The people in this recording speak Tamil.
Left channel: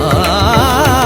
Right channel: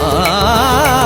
啊。